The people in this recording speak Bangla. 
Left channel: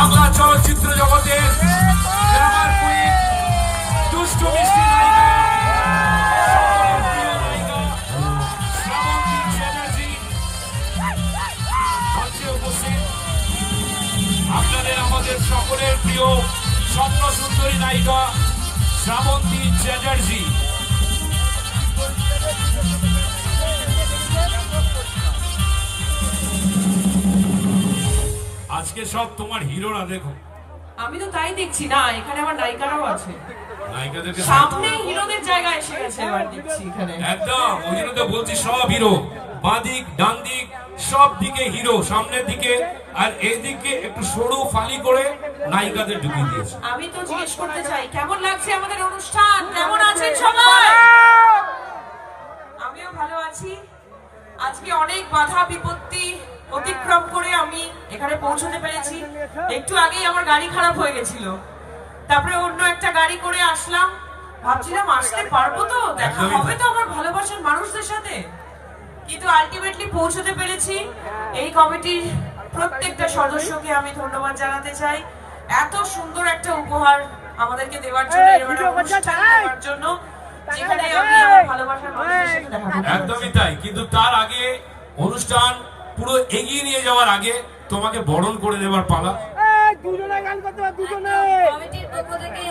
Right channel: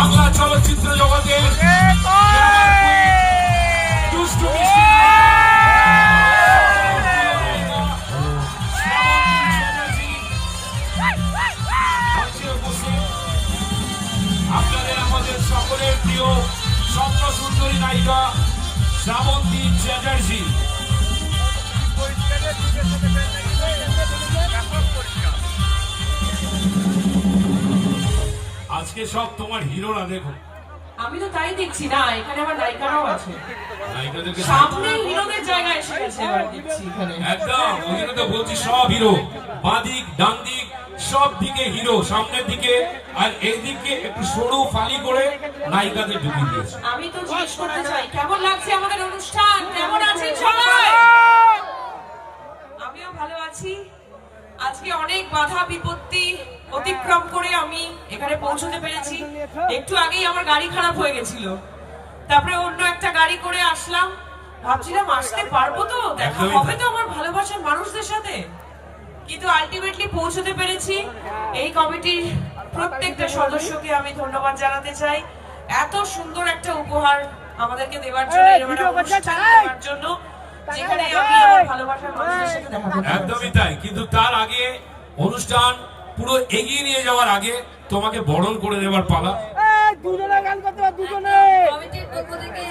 বাংলা চলচ্চিত্র জগতের গ্ল্যামার কুইন, দুষ্টু মিষ্টি নায়িকা, শ্রাবন্তী চ্যাটার্জি মঞ্চে উপস্থিত। আপনাদের আমাদের সকলের প্রিয় স্বপ্ন সুন্দরী নায়িকা শ্রাবন্তী চ্যাটার্জি। আজকে সব তোমার হিরোরা দেখো। আমি তো তাই দেখছি না, এখানে আমার নায়িকারাও আছে। নায়িকাদেরকে সামনে হিরোদের জায়গা এসে গেছে এবার দেখছি এখানে। একদম, ওই জন্য তো বলছি সব হিরো, বাঁদিক ডান দিক সব দিকে হিরো, সামনের দিকে আর এইদিকে একটু সরু ফালি করে নায়িকাদের ঢুকিয়ে দিয়েছে। আমি তো জিজ্ঞেস করতে চাই কেমন লাগছে আমাদের অনুষ্ঠান, কেমন আছেন সবাই? আমিও ভালো আছি। আজকে অনেক বাধা বিপত্তি অতিক্রম করে আমি এখানে পৌঁছতে পেরেছি। একটু আগেই আমার গাড়ি খারাপ হয়ে গেছিল, তারপরে অন্য একটা গাড়ি করে আসলাম। ভাবছিলাম আসতে পারবো তো, দেখা হবে তো আমার ভালোবাসার মানুষদের সাথে, কিন্তু আলটিমেটলি পৌঁছতে পেরেছি। এই কমিটির প্রত্যেকটা সদস্যকে আমি ধন্যবাদ জানাতে চাই এত সুন্দর একটা উপহার আমাদেরকে দেওয়ার জন্য, অনুষ্ঠান দেওয়ার জন্য, যেখানে আমি আমার ভালোবাসার মানুষদের সাথে দেখা করতে পারছি। একদমই তাই, কিন্তু তার আগে অনুষ্ঠান পুরো এগিয়ে নিয়ে যাওয়ার আগে তোমাকে বরণ করে দেওয়ার পালা। দুজনে গান করতে দুজনে কমিটির পক্ষ থেকে